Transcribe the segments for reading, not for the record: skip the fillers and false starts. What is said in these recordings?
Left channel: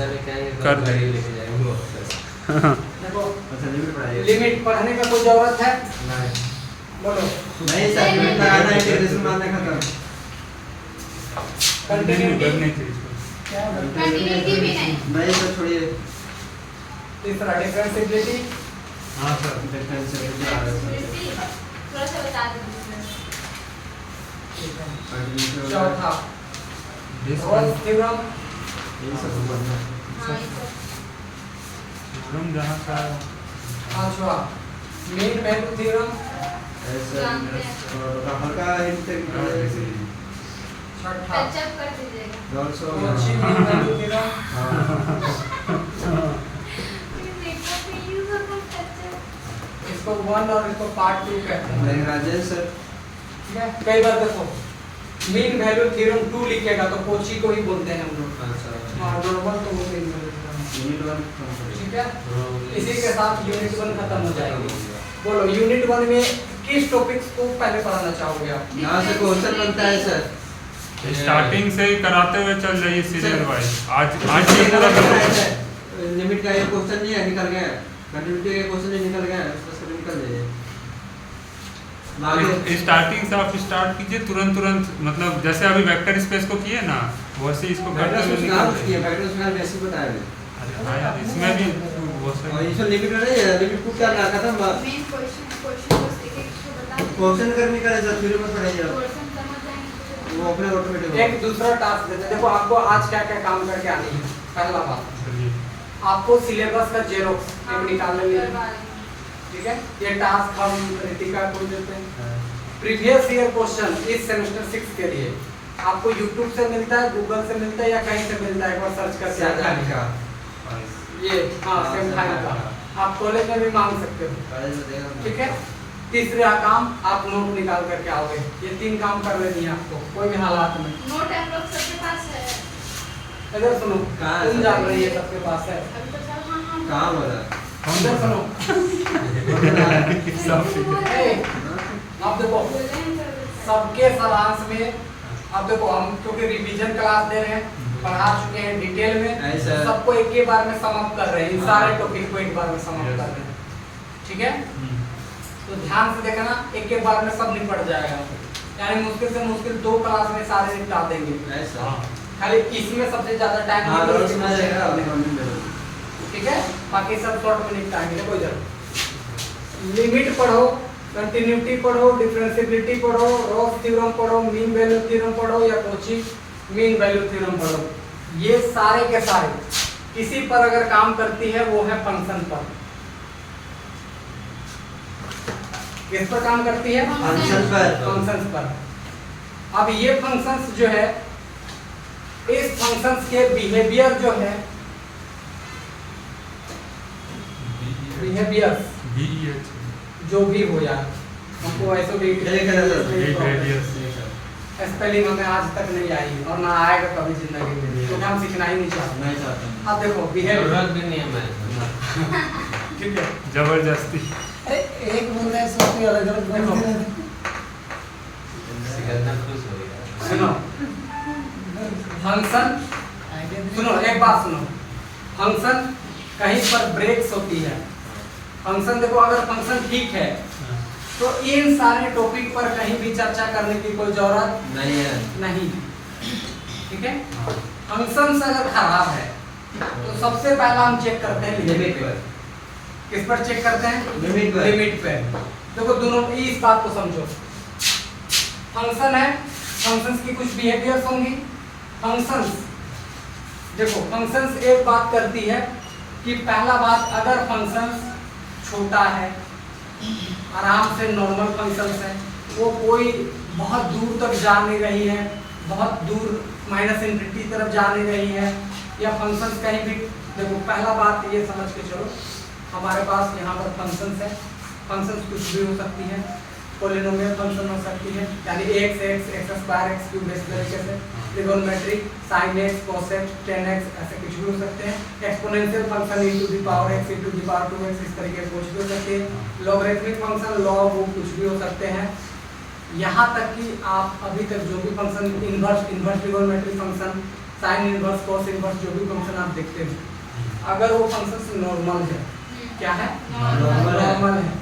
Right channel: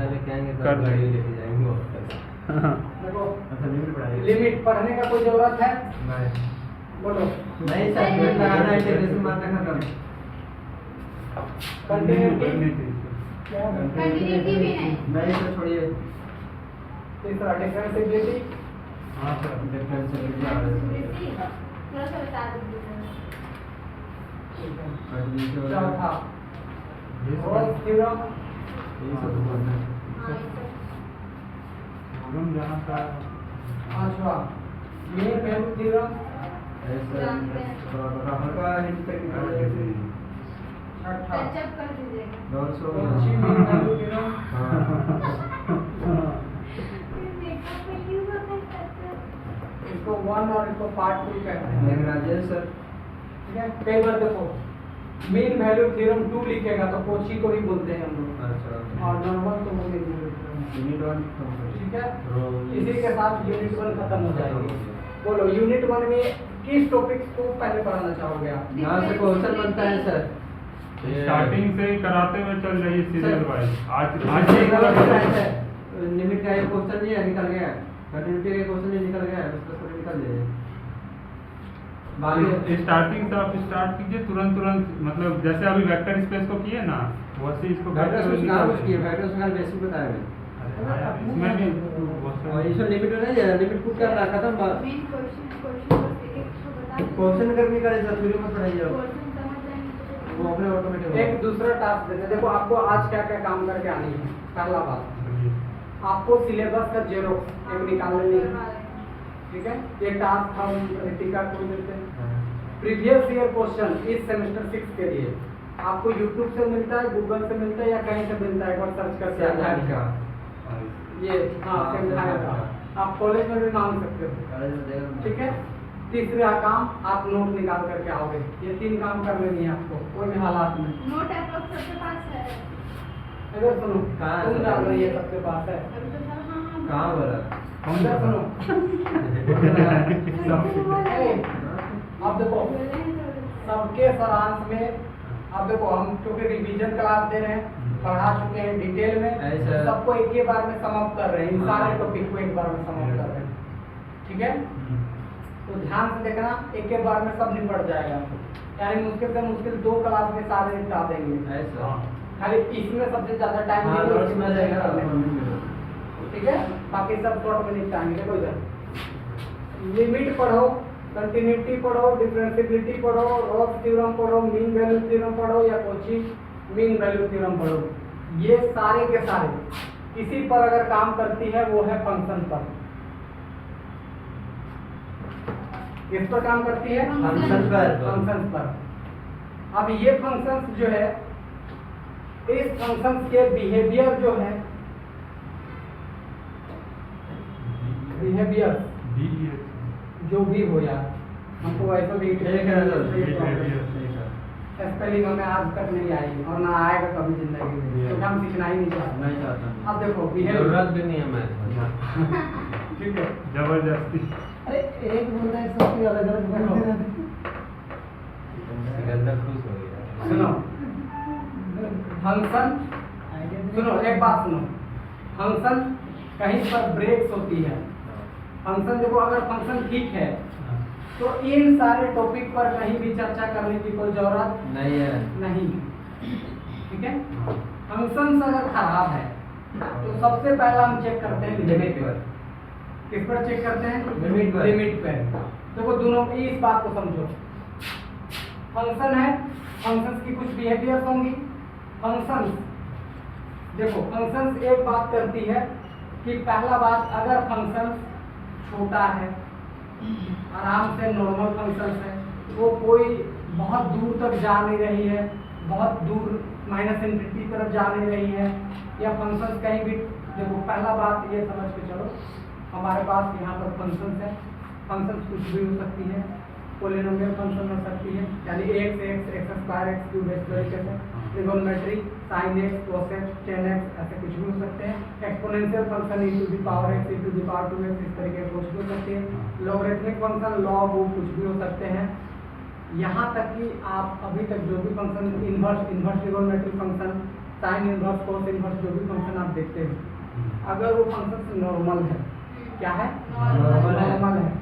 पैसा लेके आएंगे कर तो गाड़ी लेके जाएंगे देखो अच्छा लिमिट पढ़ाइए लिमिट पढ़ने का कोई जरूरत है? नहीं बोलो। नहीं सर लिमिट लगाना इंटीग्रेशन मारने खत्म कंटिन्यूटी कंटिन्यूटी भी नहीं। नहीं सर छोड़िए तीसरा डिफरेंशिएबिलिटी, हाँ सर डिफरेंशिएबिलिटी आ रहा है थोड़ा सा बता दीजिए। चौथा रोल्स थ्योरम, यही सब पढ़ना हाँ ये तो थ्योरम जहाँ का पांचवा मीन वैल्यू थ्योरम, ऐसा जानते हैं। थोड़ा हल्का हिंट तक छठा टच अप कर दीजिएगा। Also Kochi mean value theorem, देखो फिर यूज अपन टच अप। इसको 1 और इसको पार्ट 2 कहते हैं। नहीं राजेश सर ठीक है, कई बार देखो मीन वैल्यू थ्योरम 2 लिखेगा तो कोची को ही बोलते हैं हम लोग, अच्छा और नॉर्मल तो वो मीन वैल्यू थ्योरम। यूनिट 1 ठीक है, इसी के साथ यूनिट 1 खत्म हो जाएगी। बोलो यूनिट 1 में किस टॉपिक्स को पहले पढ़ाना चाहोगे आप? यहाँ से क्वेश्चन बनता है सर स्टार्टिंग से ही कराते हुए चल रही है सीरियल वाइज। आज ये से पूरा लिमिट का ये क्वेश्चन नहीं है निकल गया कंटिन्यूटी का क्वेश्चन नहीं निकल गया उसका सब निकल जाए आगे स्टार्टिंग से आप स्टार्ट कीजिए तुरंत मतलब जैसे अभी वेक्टर स्पेस को किए ना वैसे इसको वेक्टर करते हुए स्पेस निकाल किया वेक्टर स्पेस बेसिक बताया हाँ, इसमें भी बहुत और से इसमें लिमिट नहीं है लिमिट को क्या खत्म बात मेन क्वेश्चन बस एक को बता दीजिए। क्वेश्चन करने का है फिर मत पढ़ाइए क्वेश्चन समझ जाएंगे तो वो अपने ऑटोमेटिक एक दूसरा टास्क देते हैं। देखो आपको आज क्या क्या काम करके आनी है। पहला बात आपको सिलेबस का जेरोक्स एक निकालने में, ठीक है, ये टास्क हम रितिका को देते हैं। प्रीवियस ईयर क्वेश्चन इस सेमेस्टर 6 के लिए आपको YouTube से मिलता है, गूगल से मिलता है या कहीं से मिलता है, एक बार सर्च करके आ जाएगा। ये हाँ सेम टाइम का आप कॉलेज में भी मांग सकते हो। ठीक है, तीसरा काम आप नोट निकाल करके आओगे। ये 3 काम कर लेनी है आपको कोई भी हालात में। नोट अप्रोक्स सबके पास है। इधर सुनो, कहाँ है तुम सर? जान रही है सबके पास है। अभी तो सर हाँ कहाँ बोला इधर सुनो, ए, अब देखो सबके सारांश में, अब देखो हम क्योंकि रिवीजन क्लास दे रहे हैं, पढ़ा चुके हैं डिटेल में, ऐसा। सबको एक ही बार में समाप्त कर रहे हैं, इन सारे टॉपिक को एक बार में समाप्त कर रहे हैं। ठीक है, तो ध्यान से देखना, एक एक बार में सब निपट जाएगा। यानी मुश्किल से मुश्किल 2 क्लास में सारे निपटा देंगे। ऐसा खाली इसमें सबसे ज्यादा टाइम हाँ रोज में जाएगा ठीक है, बाकी सब शॉर्ट में निपटाएंगे। कोई जरूरत लिमिट पढ़ो, कंटिन्यूटी पढ़ो, डिफरेंशिएबिलिटी पढ़ो, रोल्स थ्योरम पढ़ो, मीन वैल्यू थ्योरम पढ़ो या कोची मीन वैल्यू थ्योरम पढ़ो, ये सारे के सारे किसी पर अगर काम करती है वो है फंक्शन पर। किस पर काम करती है? फंक्शन पर फंक्शंस पर। अब ये फंक्शंस जो है, इस फंक्शंस के बिहेवियर जो है, बिहेवियर्स जो भी हो यार, हमको ऐसा भी स्पेलिंग हमें आज तक नहीं आई और ना आएगा कभी जिंदगी में, तो हम सीखना ही नहीं चाहते। नहीं चाहता अब देखो बिहेवियर, जरूरत भी नहीं है मैं ठीक है, जबरदस्ती एक बंदा है सबके अलग अलग बोलते रहते सिकंदर खुश हो गया सुनो फंक्शन, सुनो एक बात सुनो, फंक्शन कहीं पर ब्रेक्स होती है। फंक्शन देखो, अगर फंक्शन ठीक है तो इन सारे टॉपिक पर कहीं भी चर्चा करने की कोई जरूरत नहीं है नहीं। ठीक है, फंक्शंस अगर खराब है तो सबसे पहला हम चेक करते हैं लिमिट पर। किस पर चेक करते हैं? लिमिट पर। लिमिट पे। देखो दोनों इस बात को समझो, फंक्शन है, फंक्शंस की कुछ बिहेवियर्स होंगी। फंक्शंस देखो, फंक्शंस एक बात करती है कि पहला बात, अगर फंक्शंस छोटा है, आराम से नॉर्मल फंक्शंस है, वो कोई बहुत दूर तक जा नहीं रही है, बहुत दूर माइनस इनफिनिटी तरफ जा नहीं रही है, या फंक्शंस कहीं भी, देखो पहला बात ये समझ के चलो, हमारे पास यहाँ पर फंक्शंस है, फंक्शंस कुछ भी हो सकती है, पॉलिनोमियल फंक्शन हो सकती है, यानी x स्क्वायर x क्यूब इस तरीके से, trigonometric sin x cos x tan x ऐसे कुछ भी हो सकते हैं, exponential function e to the power x e to the power 2x इस तरीके से कुछ भी हो सकते हैं, लॉगरिथमिक फंक्शन log कुछ भी हो सकते हैं। यहाँ तक कि आप अभी तक जो भी function, inverse trigonometric function, sine inverse cos inverse जो भी फंक्शन आप देखते हो, अगर वो फंक्शन नॉर्मल है, क्या है नॉर्मल है,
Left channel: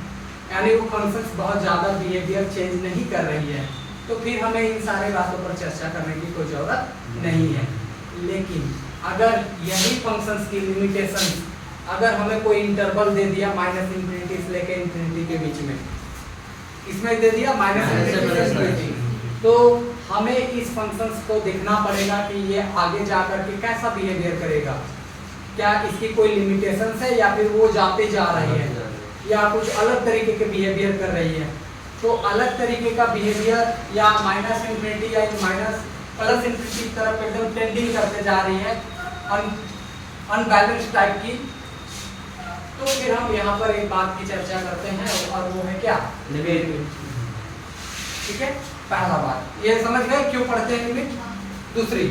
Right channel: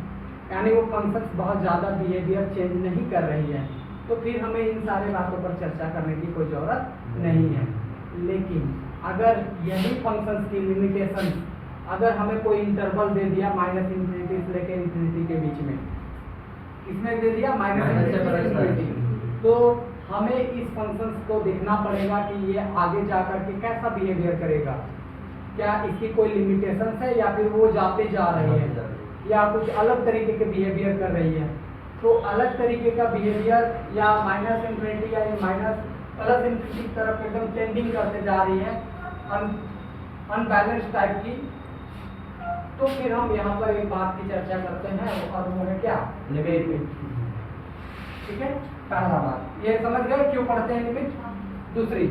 यानी वो फंक्शंस बहुत ज़्यादा बिहेवियर चेंज नहीं कर रही है, तो फिर हमें इन सारे बातों पर चर्चा करने की कोई ज़रूरत नहीं है। लेकिन अगर यही फंक्शंस की लिमिटेशन अगर हमें कोई इंटरवल दे दिया माइनस इन्फिनिटी से लेकर इन्फिनिटी के बीच में, इसमें दे दिया माइनस इन्फिनिटी, तो हमें इस फंक्शंस को देखना पड़ेगा कि ये आगे जाकर के कैसा बिहेवियर करेगा, क्या इसकी कोई लिमिटेशन है या फिर वो जाते जा रही है या कुछ अलग तरीके के बिहेवियर कर रही है। तो अलग तरीके का बिहेवियर या माइनस इन्फिनिटी या माइनस प्लस इन्फिनिटी की तरफ एकदम टेंडिंग करते जा रही है अनबैलेंस टाइप की, तो फिर हम यहाँ पर एक बात की चर्चा करते हैं और वो है क्या, लिमिट। ठीक है, पहला बात ये समझ गए क्यों पढ़ते हैं लिमिट। दूसरी,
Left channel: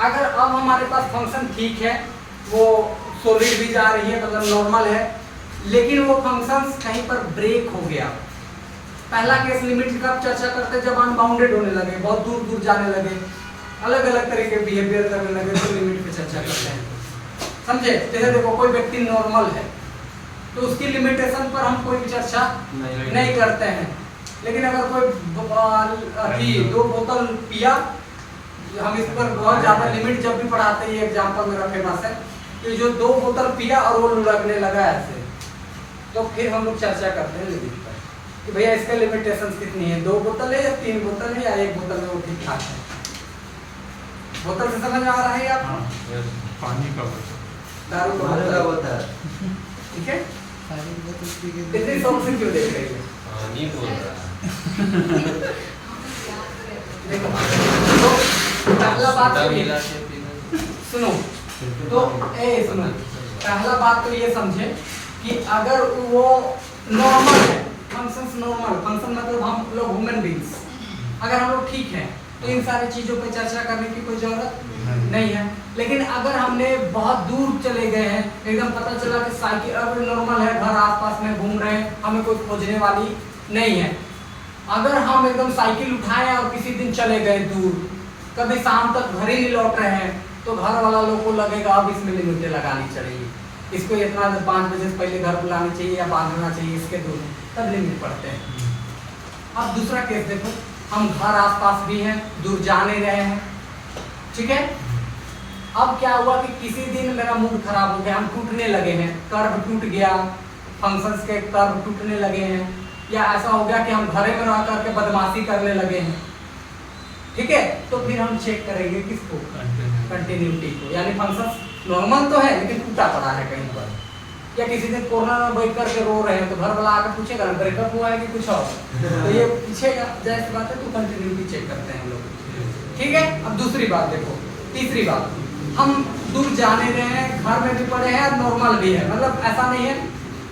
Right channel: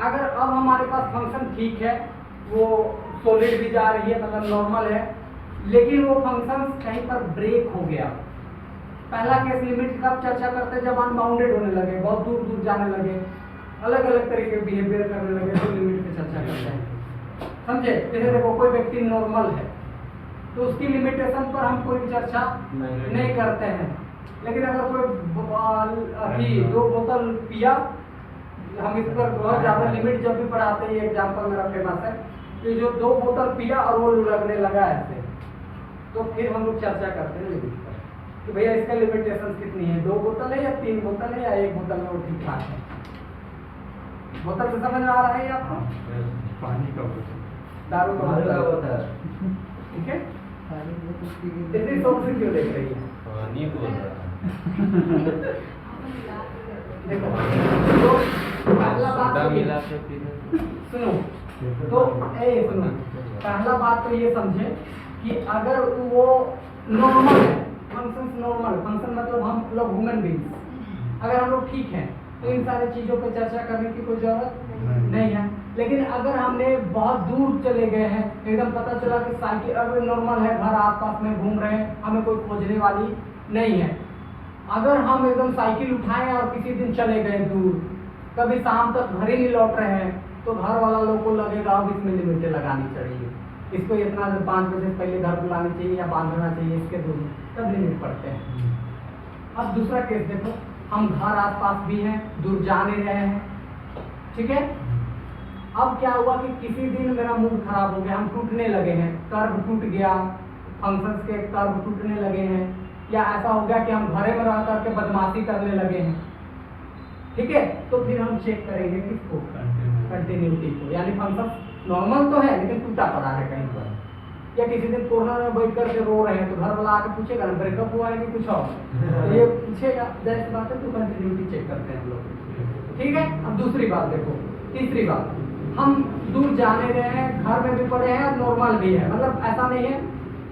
अगर अब हमारे पास फंक्शन ठीक है, वो सॉलिड भी जा रही है मतलब नॉर्मल है, लेकिन वो फंक्शंस कहीं पर ब्रेक हो गया। पहला केस लिमिट कब चर्चा करते हैं, जब अनबाउंडेड होने लगे, बहुत दूर दूर जाने लगे, अलग अलग तरीके के बिहेवियर करने लगे, तो लिमिट पे चर्चा करते हैं। समझे, जैसे देखो कोई व्यक्ति नॉर्मल है तो उसकी लिमिटेशन पर हम कोई चर्चा नहीं करते हैं, लेकिन अगर कोई दो बोतल पिया, हम इस पर बहुत ज्यादा लिमिट जब भी पढ़ाते हैं, ये एग्जाम्पल मेरा फेमस है कि जो 2 बोतल पिया और वो लुढ़कने लगा ऐसे, तो फिर हम लोग चर्चा करते हैं लिमिट पर कि भैया इसका लिमिटेशन कितनी है, 2 बोतल है या 3 बोतल है या 1 बोतल में वो ठीक ठाक है। बोतल से समझ में आ रहा है आपको, पानी का बोतल, दारू का बोतल, ठीक है। इतनी शौक से क्यों देख रही हो, नहीं बोल रहा देखो तो पहला बात तो ये सुनो, तो सुनो, पहला बात तो ये समझे कि अगर वो नॉर्मल है, फंक्शंस नॉर्मल, फंक्शन मतलब हम लोग ह्यूमन बीइंग्स, अगर हम लोग ठीक हैं तो इन सारी चीजों पे चर्चा करने की कोई जरूरत नहीं है। लेकिन अगर हमने बहुत दूर चले गए हैं, एकदम पता चला कि साइकिल अब नॉर्मल है, घर आसपास में घूम रहे हैं, हमें कोई खोजने वाली नहीं है, अगर हम एकदम साइकिल उठाएं और किसी दिन चले गए दूर, कभी शाम तक घर ही नहीं लौट रहे हैं, तो घर वाला लोग को लगेगा अब इसमें लिमिटें लगानी चाहिए, इसको इतना 5 बजे से पहले घर बुलानी चाहिए या बांधना चाहिए इसके दूर, तब लिमिट पड़ते हैं। अब दूसरा केस देखो, हम घर आसपास भी हैं, दूर जा नहीं रहे हैं, ठीक है। अब क्या हुआ कि किसी दिन मेरा मूड खराब हो गया, हम टूटने लगे हैं, कर्व टूट गया, फंक्शंस के कर्व टूटने लगे हैं, या ऐसा हो गया कि हम घरे में रह करके बदमाशी करने लगे हैं, ठीक है, तो फिर हम चेक करेंगे किसको, कंटिन्यूटी को, यानी फंक्शंस नॉर्मल तो है लेकिन टूटा पड़ा है कहीं पर, या किसी दिन कोरोना में बैठ करके रो रहे हैं तो घर वाला आकर पूछेगा ना ब्रेकअप हुआ है कि कुछ और, तो ये पूछेगा, जाहिर बात है, तो कंटिन्यूटी चेक करते हैं हम लोग, ठीक है। अब दूसरी बात देखो, तीसरी बात, हम दूर जाने रहे हैं, घर में भी पड़े हैं और नॉर्मल भी है, मतलब ऐसा नहीं है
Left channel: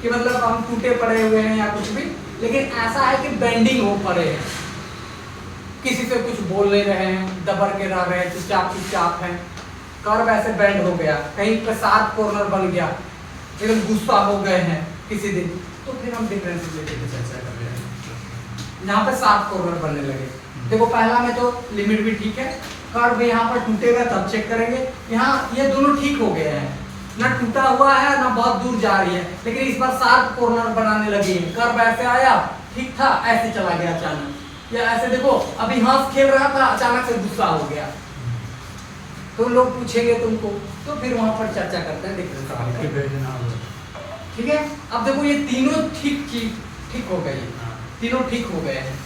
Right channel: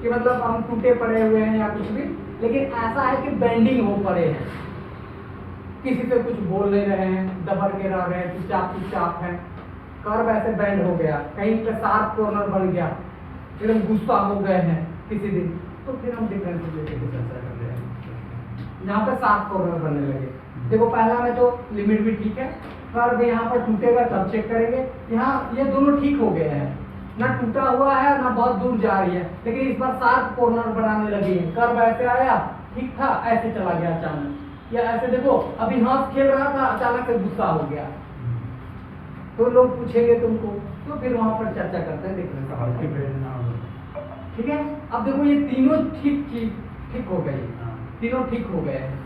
कि मतलब हम टूटे पड़े हुए हैं या कुछ भी, लेकिन ऐसा है कि बेंडिंग हो पड़े हैं, किसी से कुछ बोल नहीं रहे हैं, दबर के रह रहे हैं, चुपचाप हैं, कर्व ऐसे बेंड हो गया, कहीं पे शार्प कॉर्नर बन गया, एकदम गुस्सा हो गए हैं किसी दिन, तो फिर हम डिफरेंशिएबिलिटी की चर्चा कर रहे हैं, यहाँ पे शार्प कॉर्नर बनने लगे। देखो पहला में तो लिमिट भी ठीक है, कर्व यहाँ पर टूटेगा तब चेक करेंगे, यहाँ ये दोनों ठीक हो गए हैं, ना टूटा हुआ है ना बहुत दूर जा रही है, लेकिन इस बार शार्प कॉर्नर बनाने लगी है, कर्व ऐसे आया ठीक था, ऐसे चला गया अचानक, या ऐसे देखो अभी हंस खेल रहा था अचानक से गुस्सा हो गया, तो लोग पूछेंगे तुमको, तो फिर वहां पर चर्चा करते हैं डिफरेंस, ठीक है। अब देखो ये तीनों ठीक हो गए, तीनों ठीक हो गए हैं,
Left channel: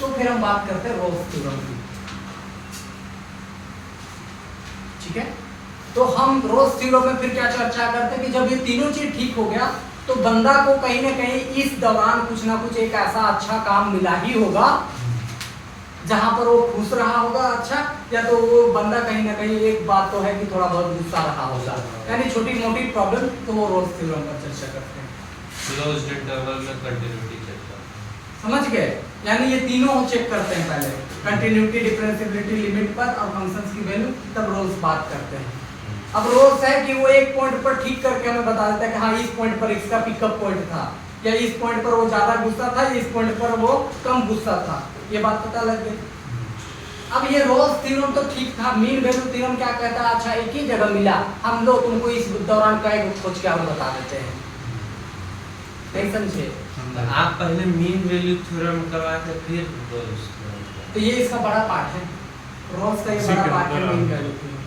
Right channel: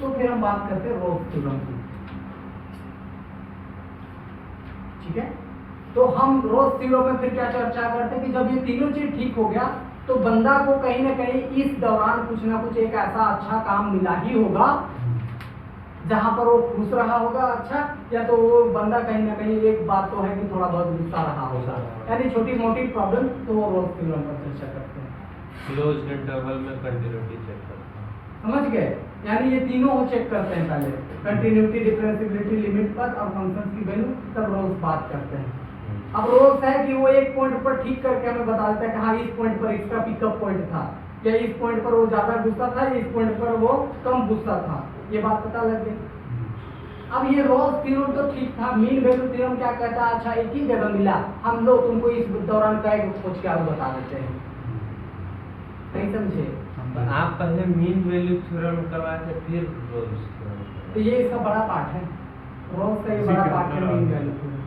तो फिर हम बात करते हैं रोल्स थ्योरम की, ठीक है। तो हम रोल्स थ्योरम में फिर क्या चर्चा करते हैं कि जब ये तीनों चीज ठीक हो गया तो बंदा को कहीं ना कहीं इस दौरान कुछ ना कुछ एक ऐसा अच्छा काम मिला ही होगा जहां पर वो खुश रहा होगा, अच्छा, या तो वो बंदा कहीं ना कहीं, एक बात तो है कि थोड़ा बहुत गुस्सा रहा होगा, यानी छोटी मोटी प्रॉब्लम, तो वो रोल्स थ्योरम पर चर्चा करते हैं। क्लोज्ड इंटरवल में कंटिन्यूटी चेक करते हैं, समझ गए, यानी ये तीनों चेक करते हैं, पहले कंटिन्यूटी, डिफरेंशिएबिलिटी, लिमिट पर और फंक्शंस की वैल्यू, तब रोल्स बात करते हैं। अब रोल्स है कि वो एक पॉइंट पर ठीक करके हमें बता देता है कि हाँ इस पॉइंट पर इसका पिकअप पॉइंट था, या इस पॉइंट पर वो ज्यादा गुस्सा था, इस पॉइंट पर वो कम गुस्सा था, ये बात पता लग गई, अब ये रोल्स थ्योरम तो ठीक था, मीन वैल्यू थ्योरम क्या कहता है, अच्छा एक ही जगह मिला, हम लोग तुमको इस दौरान कई खोज के हम बता देते हैं, नहीं समझे? तो आप पहले मीन वैल्यू थ्योरम करवाए थे फिर रोल्स थ्योरम। तो ये इसका बड़ा पार्ट है, रोल्स का ये बड़ा पार्ट है मीन वैल्यू थ्योरम,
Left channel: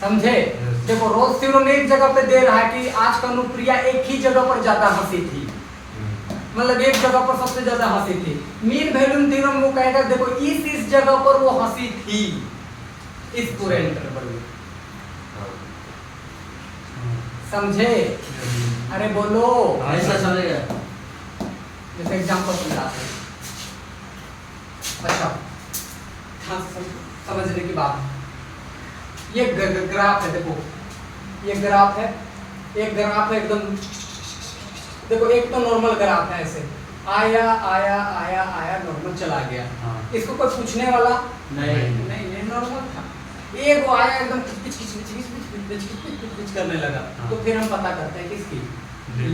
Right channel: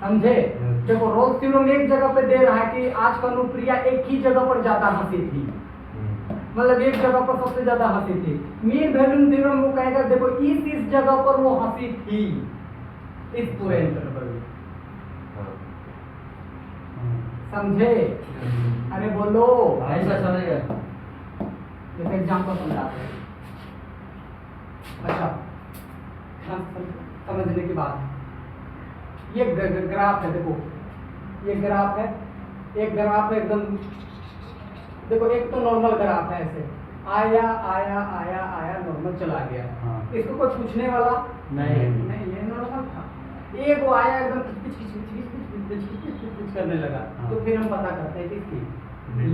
समझे? देखो रोल्स थ्योरम एक जगह पे दे रहा है कि आज का अनुप्रिया एक ही जगह पर ज्यादा हंसी थी, मतलब एक जगह पर सबसे ज्यादा हंसी थी। मीन वैल्यू थ्योरम वो कहेगा देखो इस जगह पर वो हंसी थी, इस पूरे इंटरवल में, समझे? अरे बोलो, ऐसा चलेगा। जैसे एग्जांपल समझाते हैं, अच्छा ध्यान से समझने की बात, ये ग्राफ है, देखो ये ग्राफ है, एक ग्राफ है एकदम, देखो एक तो नॉर्मल ग्राफ है, ऐसे आया आया आया आया नॉर्मल चला गया, हाँ। इसको कोई पूछने वाला नहीं। नहीं नॉर्मल था, एक वो आया एकदम किच करने लगा, हाँ। तो फिर हम पता करते हैं किसकी,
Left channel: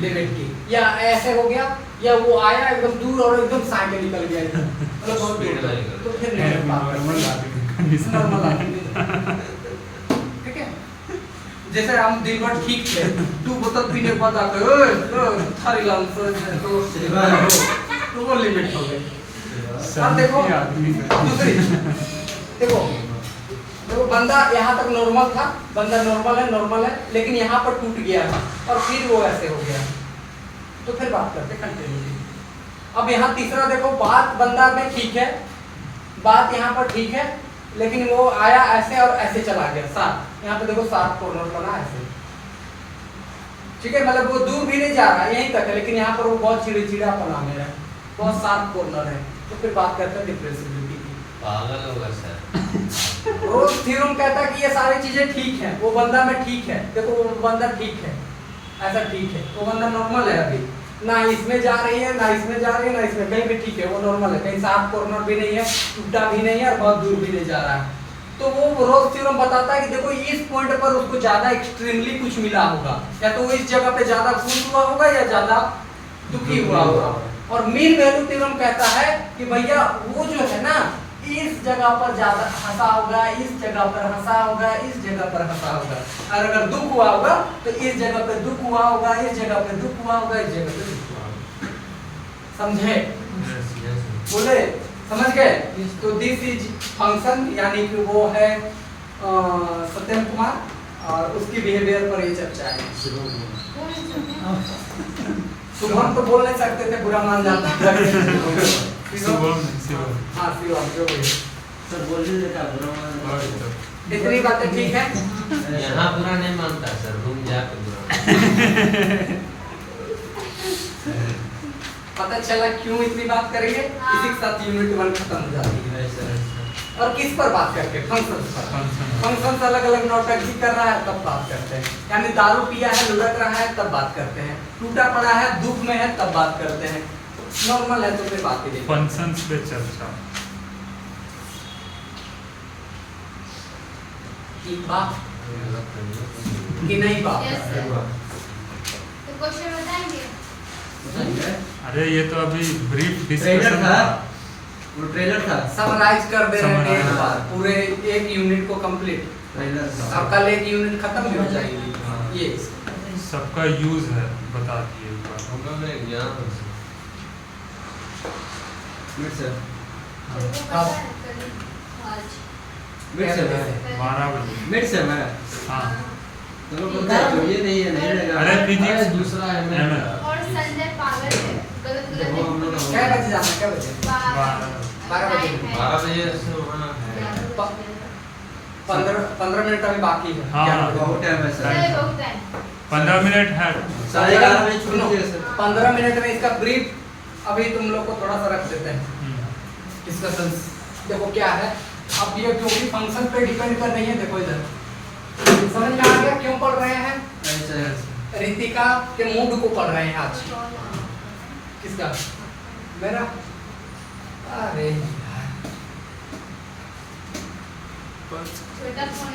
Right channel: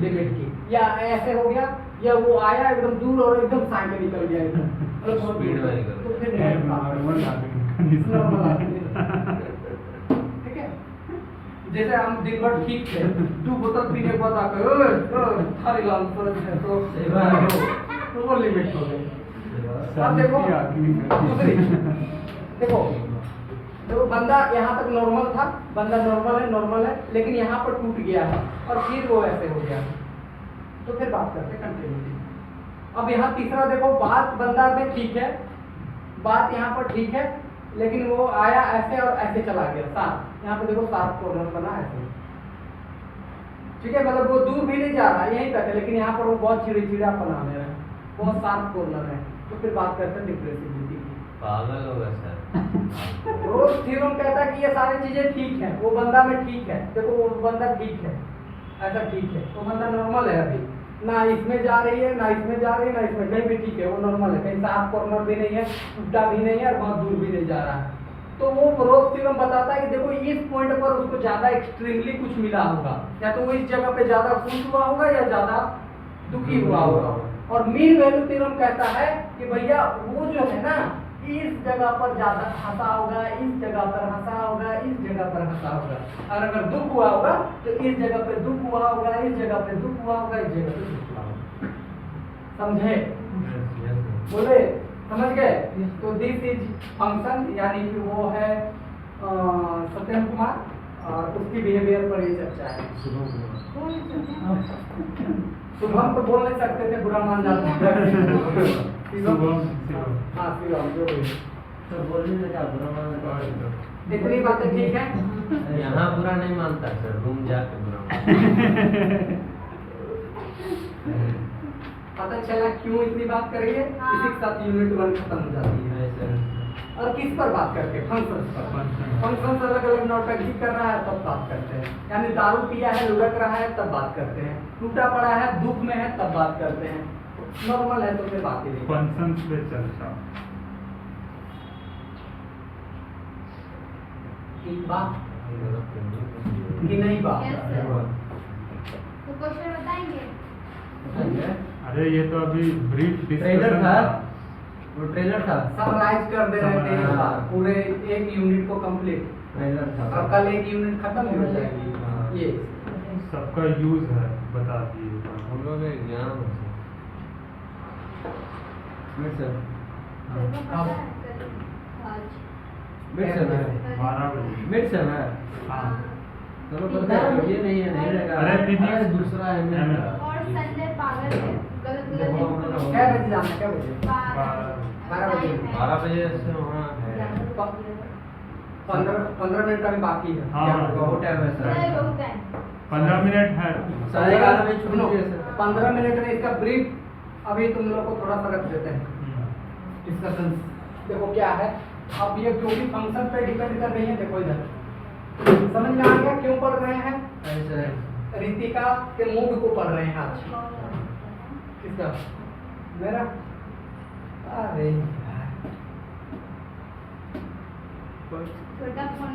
लिमिट की, या ऐसे हो गया, या वो आया एकदम दूर और एकदम साइड निकल गया इधर, मतलब बहुत दूर तक, तो फिर नॉर्मल ठीक है। जैसे हम दिन भर ठीक थे, 2 बोतल पीने के बाद आके थारी लाल तो वो लिमिट हो गई। अब देखो दूसरी, देखो देखो बंदा यहाँ तक नॉर्मल था, बंदा नॉर्मल है, लेकिन यहाँ पर टूट गया है और फिर वो ऐसे हो गया, तो फिर बात करते कंटिन्यूटी। अब यहाँ तीसरा देखो, बात बंदा में ठीक है, बात यहाँ पर ठीक है, लेकिन वो आया ऐसे और ऐसे चला गया, साथ यहाँ पे देखो साथ कॉर्नर बना ऐसे, ठीक है, मतलब वो दूर भी नहीं जा रहा है, यहीं तक है, लेकिन यहाँ पर वो बहुत चिड़चिड़ापन आ गया है, बहुत शार्प कॉर्नर है, तो फिर बात करते हैं डिफरेंशिएबिलिटी की। पागल होगा सर। रोल्स थ्योरम कहता है कि ये सारी चीजें ठीक है, वो बंदा में ठीक है, देखो वो बंदा ठीक है, ऐसा ठीक है, वो बंदा नॉर्मल है, अभी ना इसमें जा रही है ना इसमें जा रही है ना इसमें, कहीं भी ठीक है, वो नॉर्मल है, कहीं साफ कॉर्नर भी नहीं है, टूटा भी नहीं है और बहुत दूर भी नहीं जा रहा है, तो वो रोल्स थ्योरम बताता है कि देखो इस पॉइंट पर उसको ज्यादा एक्सट्रीमली कुछ मिला होगा, या तो वो इस जगह पे ज्यादा खुश हुआ होगा या ज्यादा दुखी हुआ होगा। और मीन वैल्यू थ्योरम कहता है कि भैया वो जो है ना, इस जगह पर ज्यादा हंसा होगा, इस जगह पर हंसा होगा, इस जगह पर हंसा होगा, और अगर दुख हुआ होगा तो इस जगह पे दुख हुआ होगा, इस जगह पे दुख हुआ होगा, इस जगह पे दुख हुआ होगा, समझे? बोले समझ गए? तो दिस इज फंक्शन, यानी कि वो है सत्यम कुमार, और उसकी बिहेवियर पर ये चर्चा है। शुभम तो बोल नहीं सकते थे, बुरा मान जाता था। शुभम हाँ शिवम जो भी सर बोल दीजिए क्या बुरा मान रहा है? इतनी बातें ठीक है। यहाँ बुरा नहीं मानता सर, रूम जाके बुरा। पता चला क्यों इतनी बात करेंगे, इसी के साथ यूनिट 1 खत्म हो जाती है। और किस पर बात करके, फंक्शंस पर। फंक्शंस अलग अलग नौटंकी कर रहा है तब बात करते हैं, यानी दारू पिया है लुढ़क रहा है तब बात करते हैं, टूटा पड़ा है दुख में है तब बात करते हैं, नॉर्मल है तो फिर बात ही नहीं। फंक्शंस पे चर्चा। ठीक बात कि नहीं बात? Yes, sir. तो क्वेश्चन बताएंगे? बताइए। अरे ये तो अभी ब्रीफ ट्रेलर डिस्कशन था, था। वो ट्रेलर था। समराइज कर दे रहे हैं एक Summarize। बार पूरे एक यूनिट को कंप्लीट, ट्रेलर था। और कल एक यूनिट खत्म भी हो जाएगी। ये सबका यूज है, बता दिए एक बार। हम लोग एक ज्ञान मिड सर, सबको पता है कल आज। मिड सर है। 12 बजे। मिड सर है। हाँ। चलो बोलते हैं तो ये नहीं है, नहीं लगा। अरे physics दूसरा है ML। और संजय पागल है, गलत देखो हम लोग क्या बजे जाना है, क्या बजे? 12 बजे। 12 बजे से वहाँ है। 15 मिनट अभी बाकी है। हाँ, 11 बजे। बहुत टाइम है सर। 15 मिनट है। 11:30 बजे सुनो, छूट गया सर। 15 मिनट में इसका ब्रीफ अभी तुम लोग को थोड़ा सा रख देते हैं डिस्कशन। देखो क्या है, अब ये क्योंकि फंक्शन पे डिपेंड कर रही है, देखो इधर समझ में आ गया क्यों पढ़ रहे हैं? नहीं सर। रितिका के मूड को पढ़ रहे हैं आज। किसका? मेरा? अरे यार। छोटा फोन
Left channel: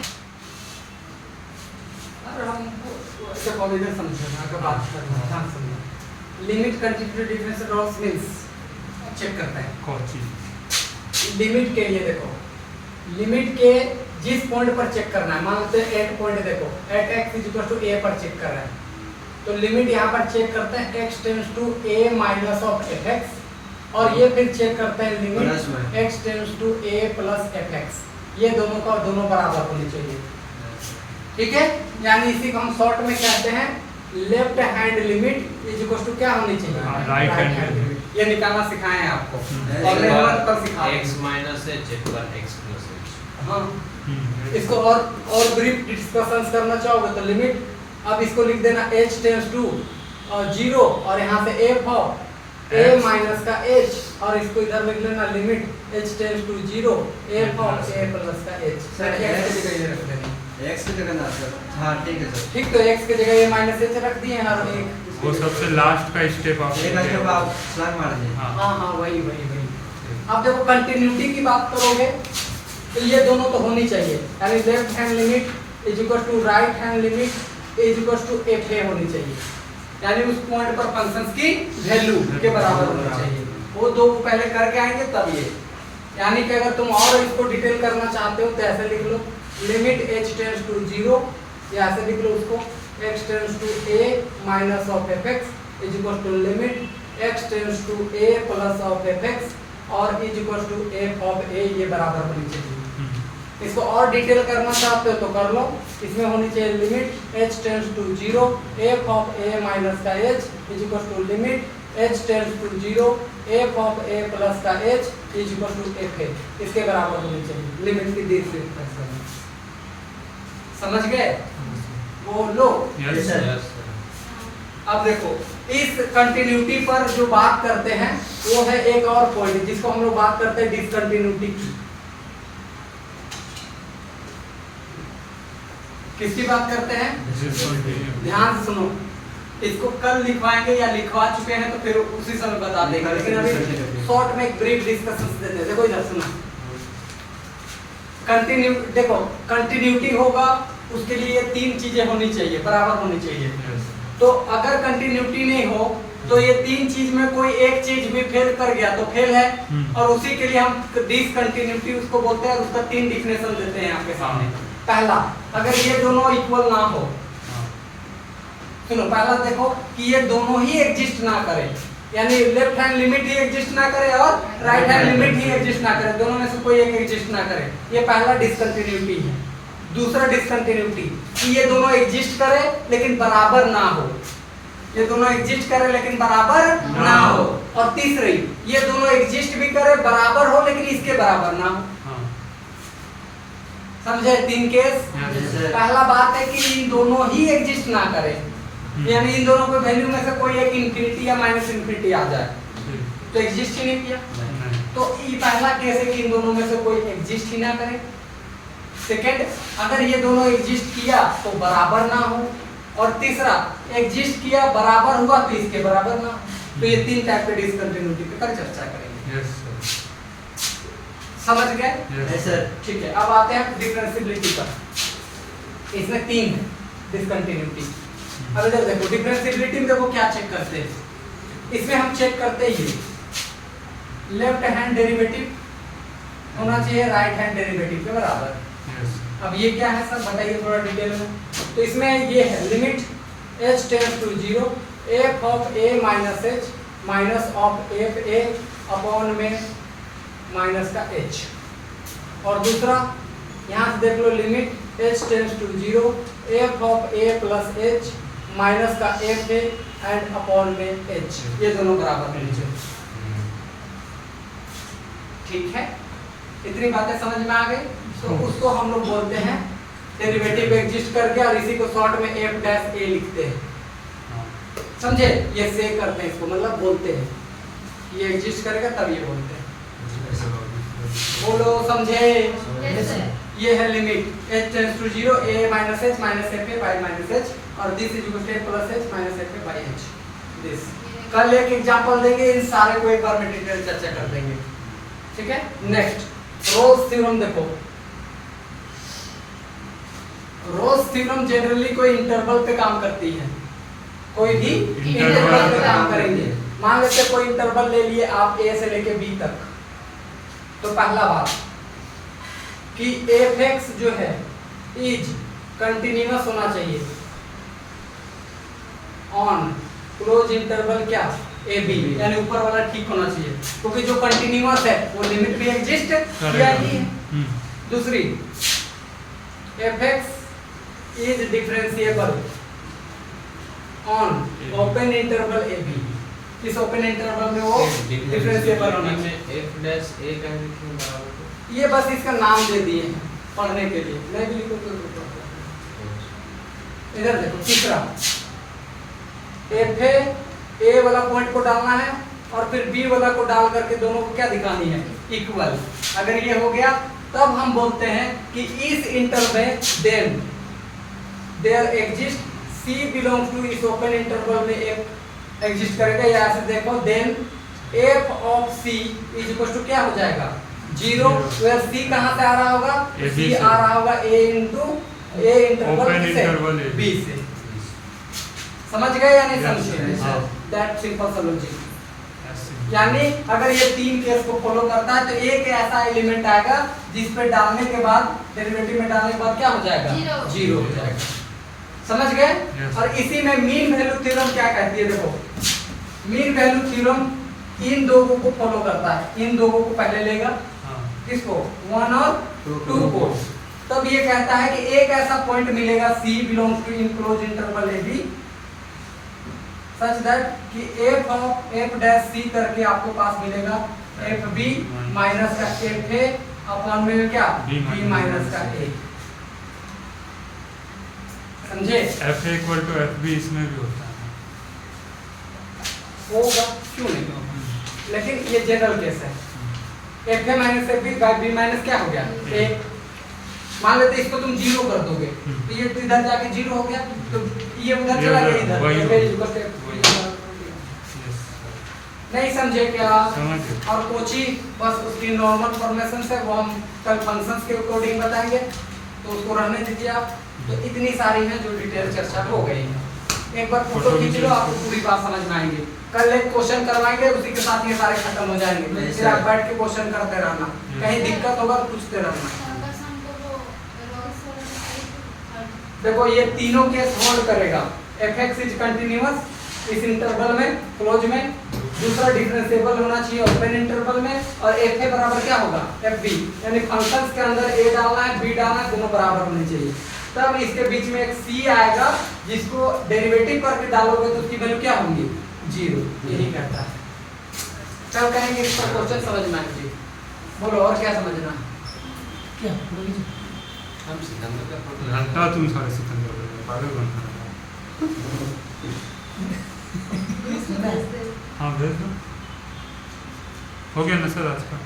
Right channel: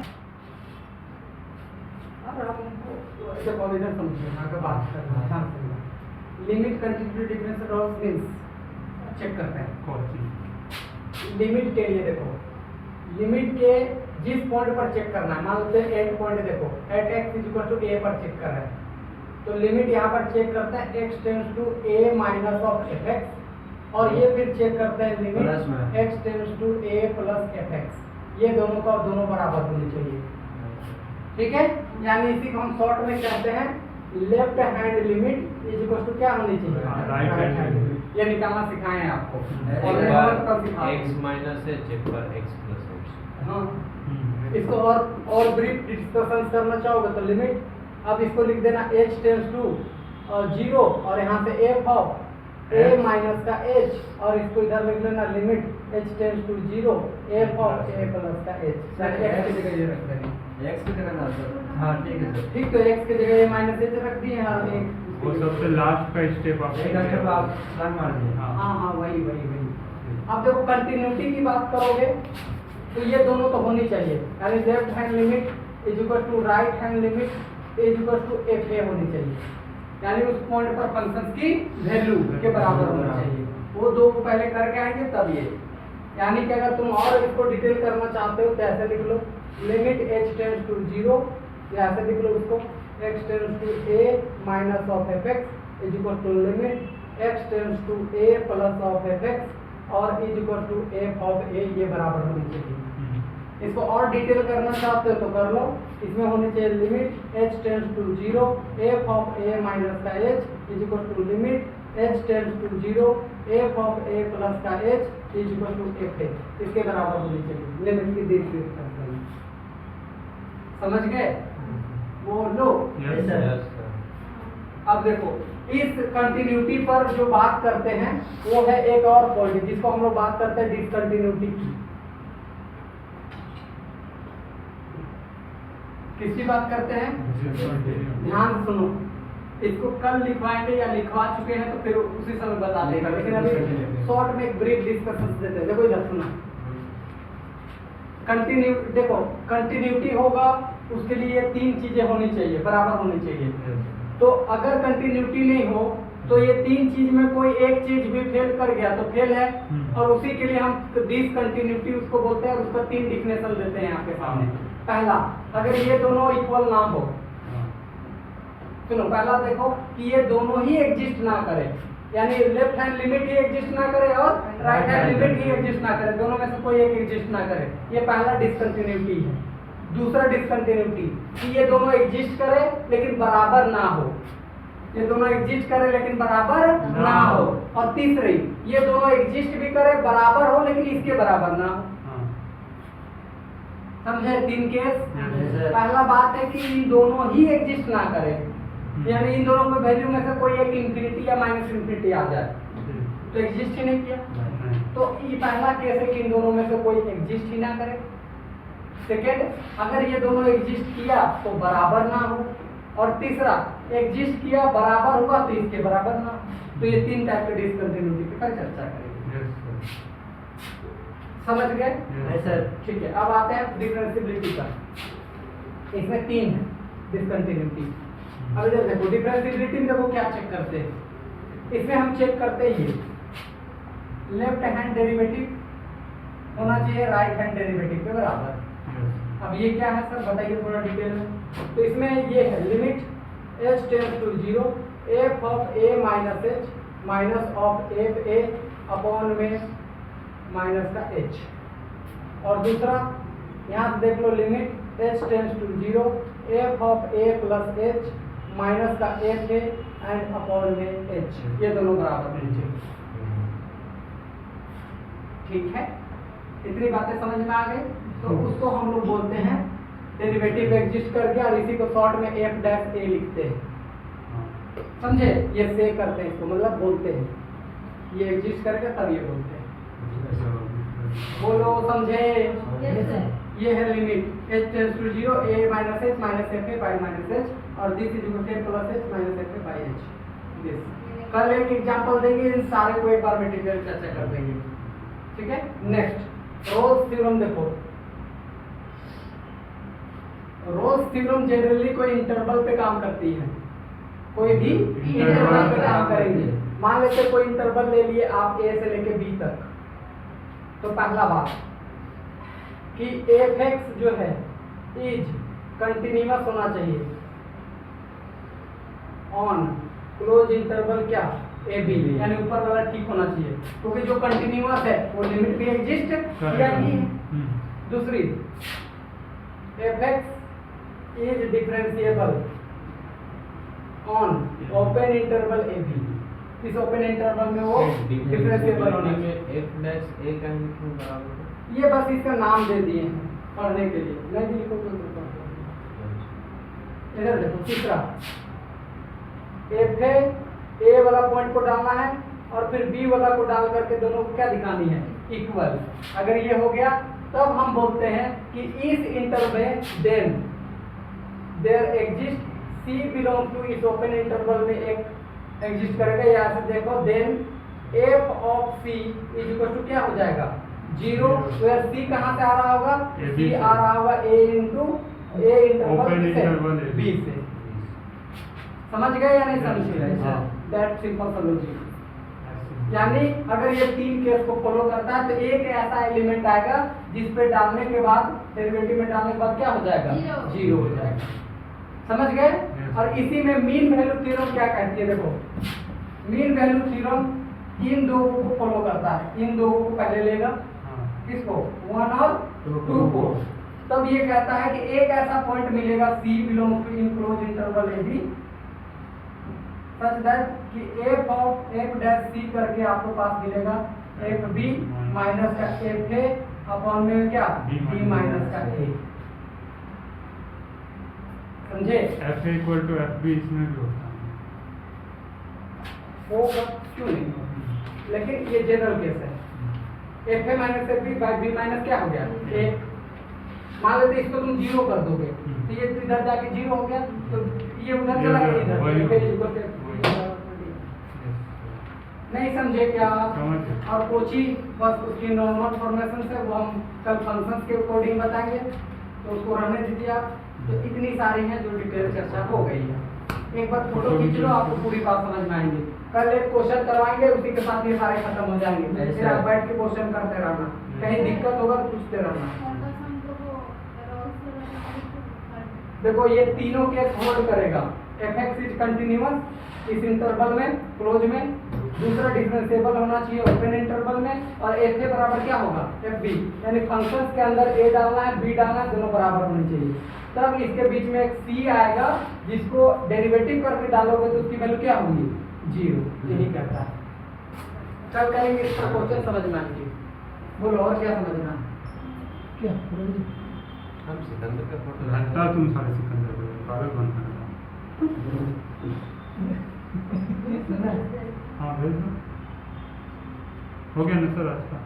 अब हम ऐसे कॉल इधर समझना का बात करना है, ध्यान सुनना। Limit continuity difference rules means check करते हैं। कोची। लिमिट के लिए देखो, लिमिट के जिस पॉइंट पर चेक करना है, मान लेते हैं 8 पॉइंट, देखो at x equal to a पर चेक कर रहे हैं, तो लिमिट यहाँ पर चेक करते हैं x tends to a minus of fx, और ये फिर चेक करते हैं प्लस लिमिट में। x tends to a plus fx, ये दोनों का दोनों बराबर होनी चाहिए। ठीक है, यानी इसी को हम शॉर्ट में कहते हैं left hand limit is equal to क्या होनी चाहिए, राइट हैंड लिमिट। ये निकालना सिखाए हैं आपको, एक और बार कब सिखाए x माइनस h एक बार x प्लस h। हाँ, इसको और ब्रीफ डिस्कशन करना चाहोगे तो लिमिट, अब इसको लिख देना h टेंड्स टू 0 और यहाँ से f ऑफ a माइनस का h, और इसको इधर लिख लेना limit h tends to 0 f of a plus का h, सर, x की जगह ये रख देना। x की जगह ना सर, हाँ ठीक है सर। ठीक, तो x की जगह a माइनस h रख दिए हैं, और एक वो सबसे लास्ट का स्टेप आप एक स्टेप आप छलांग मार दीजिए। हाँ हाँ हाँ वही वही वही। अब देखो कंटिन्यूटी की बात करोगे तो ये दोनों तो होनी चाहिए, यानी left hand limit is equal to right hand limit is equal to F A होनी चाहिए, यानी उस पॉइंट पर फंक्शंस की वैल्यू के बराबर होना चाहिए। वो दो पहले करके आएंगे तब ये, यानी कि अगर तुम और इसको डिटेल करना चाहते हो तो ऐसे लिख लो लिमिट h टेंड्स टू 0, या ऐसे लिख लो उसको x tends to a minus of fx is equal to limit x tends to a plus of fx और is equal to f of a, ये बराबर होनी चाहिए। इसको और डिटेल करना चाहते हो तो कर लो, इसमें होनी चाहिए limit h tends to 0 f of a minus का h is equal to limit h tends to 0 f of a plus का h is equal to f a, इसके बराबर होनी चाहिए लिमिट की दूसरी एक्सप्रेशन। समझ गए? बोलो। Yes sir. Yes, sir. अब देखो इस कंटिन्यूटी पर जो बात करते हैं वो है एक और पॉइंट जिसको हम लोग बात करते हैं डिसकंटिन्यूटी की। किसकी बात करते हैं? ध्यान से सुनो, इसको कल लिखवाएंगे या लिखवा चुके हैं तो फिर उसी समय बता देंगे, लेकिन अभी शॉर्ट में एक ब्रीफ डिस्कशन देते हैं। देखो इधर सुनो, कंटिन्यू देखो कंटिन्यूटी होगा उसके लिए ये तीन चीजें होनी चाहिए, बराबर होनी चाहिए। तो अगर कंटिन्यूटी नहीं हो तो ये तीन चीज में कोई एक चीज भी फेल कर गया तो फेल है, और उसी के लिए हम डिसकंटिन्यूटी उसको बोलते हैं। उसका तीन डिफिनेशन देते हैं आपके सामने। पहला, अगर ये दोनों इक्वल ना हो, सुनो पहला देखो कि ये दोनों ही एग्जिस्ट ना करे, यानी लेफ्ट हैंड लिमिट ही एग्जिस्ट ना करे और राइट हैंड लिमिट ही एग्जिस्ट ना करे, दोनों में से कोई एक एग्जिस्ट ना करे, ये पहला डिसकंटिन्यूटी है। दूसरा डिसकंटिन्यूटी कि ये दोनों एग्जिस्ट करे लेकिन बराबर ना हो, ये दोनों एग्जिस्ट करे लेकिन बराबर ना हो। और तीसरी, ये दोनों एग्जिस्ट भी करे बराबर हो लेकिन इसके बराबर ना हो। समझे? तीन केस। पहला बात है कि इन दोनों ही एग्जिस्ट ना करे, यानी इन दोनों के वैल्यू में से कोई एक इंफिनिटी या माइनस इंफिनिटी आ जाए तो एग्जिस्ट ही नहीं किया। तो ये पहला केस है कि इन दोनों में से कोई एग्जिस्ट ही ना करे। सेकंड, अगर ये दोनों एग्जिस्ट किया तो बराबर ना हो, और तीसरा एग्जिस्ट किया बराबर हुआ तो इसके बराबर ना हो। तो ये तीन टाइप के डिसकंटिन्यूटी पे कर चर्चा करेंगे। समझ गए? Yes sir. ठीक है, अब आते हैं डिफरेंशिएबिलिटी पर। इसमें तीन है डिसकंटिन्यूटी। अब इधर देखो डिफरेंशिएबिलिटी में देखो क्या चेक करते हैं, इसमें हम चेक करते ही लेफ्ट हैंड डेरिवेटिव होना चाहिए राइट हैंड डेरिवेटिव के बराबर। अब ये क्या है सर बताइए थोड़ा डिटेल में। तो इसमें ये है limit h tends to 0 f of a minus h minus of f a upon में माइनस का h, और दूसरा यहाँ से देख लो limit h tends to 0 f of a plus h minus का f a एंड अपॉन में h, ये दोनों बराबर होने चाहिए। ठीक है, इतनी बातें समझ में आ गई। तो उसको हम लोग बोलते हैं डेरिवेटिव एग्जिस्ट करके, और इसी को शॉर्ट में f डैश a लिखते हैं। समझे? ये से करते हैं इसको, मतलब बोलते हैं ये एग्जिस्ट करेगा तब ये बोलते हैं। बोलो समझे? Yes, sir. ये है limit h tends to 0 a minus h minus f a by minus h, और this is equal to plus h minus f a by h। This कल एक एग्जांपल देंगे, इन सारे को एक बार में डिटेल चर्चा कर देंगे। ठीक है, नेक्स्ट रोल्स थ्योरम देखो। रोल्स थ्योरम जनरली कोई इंटरवल पे काम करती है, कोई भी इंटरवल पे काम करेंगे। मान लेते कोई इंटरवल ले लिए आप a से लेके b तक, तो पहला बात कि fx जो है इज कंटिन्यूअस होना चाहिए ऑन क्लोज इंटरवल क्या ए बी, यानी ऊपर वाला ठीक होना चाहिए, क्योंकि जो कंटिन्यूअस है वो लिमिट में एग्जिस्ट किया ही है। दूसरी fx is differentiable on open interval A B, इस ओपन इंटरवल में वो डिफरेंशिएबल होना चाहिए। f डैश a का लिखने बराबर ये बस इसका नाम दे दिए पढ़ने के लिए, मैं भी लिखूंगा। इधर देखो तीसरा fa a वाला पॉइंट को डालना है और फिर b वाला को डाल करके दोनों को क्या दिखानी है, इक्वल। अगर ये हो गया तब हम बोलते हैं कि इस इंटरवल में then there exist c belongs to, इस ओपन इंटरवल में एक एग्जिस्ट करेगा, या ऐसे देखो then f of c is equal to क्या हो जाएगा 0, वेयर c कहां से आ रहा होगा, c आ रहा होगा a इंटरवल b से। समझ गए या नहीं समझे? That simple solution. यानी अगर ये तीन केस को फॉलो करता है तो एक ऐसा एलिमेंट आएगा जिस पे डालने के बाद डेरिवेटिव में डालने के बाद क्या हो जाएगा, जीरो हो जाएगा। समझ गए? और इसी में मीन वैल्यू थ्योरम क्या कहती है, देखो मीन वैल्यू थ्योरम इन दो को फॉलो करता है, इन दो को पहले लेगा, किसको 1 और 2 को, तब ये कहता है कि एक ऐसा पॉइंट मिलेगा c belongs to in close interval A B such that कि f of f dash c करके आपको पास मिलेगा f b माइनस का f a अपॉन में क्या b माइनस का a। समझे? f a equal to f b इसमें भी होता है, होगा क्यों नहीं होगा, लेकिन ये जनरल केस है। f a minus f b by b minus क्या हो गया a। मान लेते इसको तुम जीरो कर दोगे तो ये तो इधर जाके जीरो हो गया, तो ये उधर चला गया इधर, नहीं समझे क्या? और कोची बस उसकी नॉर्मल फॉर्मेशन से वो हम कल फंक्शंस के अकॉर्डिंग बताएंगे, तो उसको रहने दीजिए आप। तो इतनी सारी हैं जो डिटेल चर्चा हो गई है। एक बार फोटो खींच लो, आपको पूरी बात समझ में आएंगी। कल एक क्वेश्चन करवाएंगे, उसी के साथ ये सारे खत्म हो जाएंगे। फिर आप बैठ के क्वेश्चन करते रहना, कहीं दिक्कत होगा तो पूछते रहना। देखो ये तीनों केस होल्ड करेगा, fx इज कंटिन्यूअस इस इंटरवल में क्लोज में, दूसरा डिफरेंशिएबल होना चाहिए ओपन इंटरवल में, और fa बराबर क्या होगा fb, यानी फंक्शंस के अंदर a डालना है b डालना है, दोनों बराबर होने चाहिए। तब इसके बीच में एक c आएगा जिसको डेरिवेटिव करके डालोगे तो उसकी वैल्यू क्या होगी 0, यही करता है। कल करेंगे इस पर क्वेश्चन समझ में आएंगे। बोलो और क्या समझना है? क्या हम सिकंदर का फोटो घंटा तुम सारे सिकंदर पागल बन हाँ भेज दो। हो गया ना सर आज का?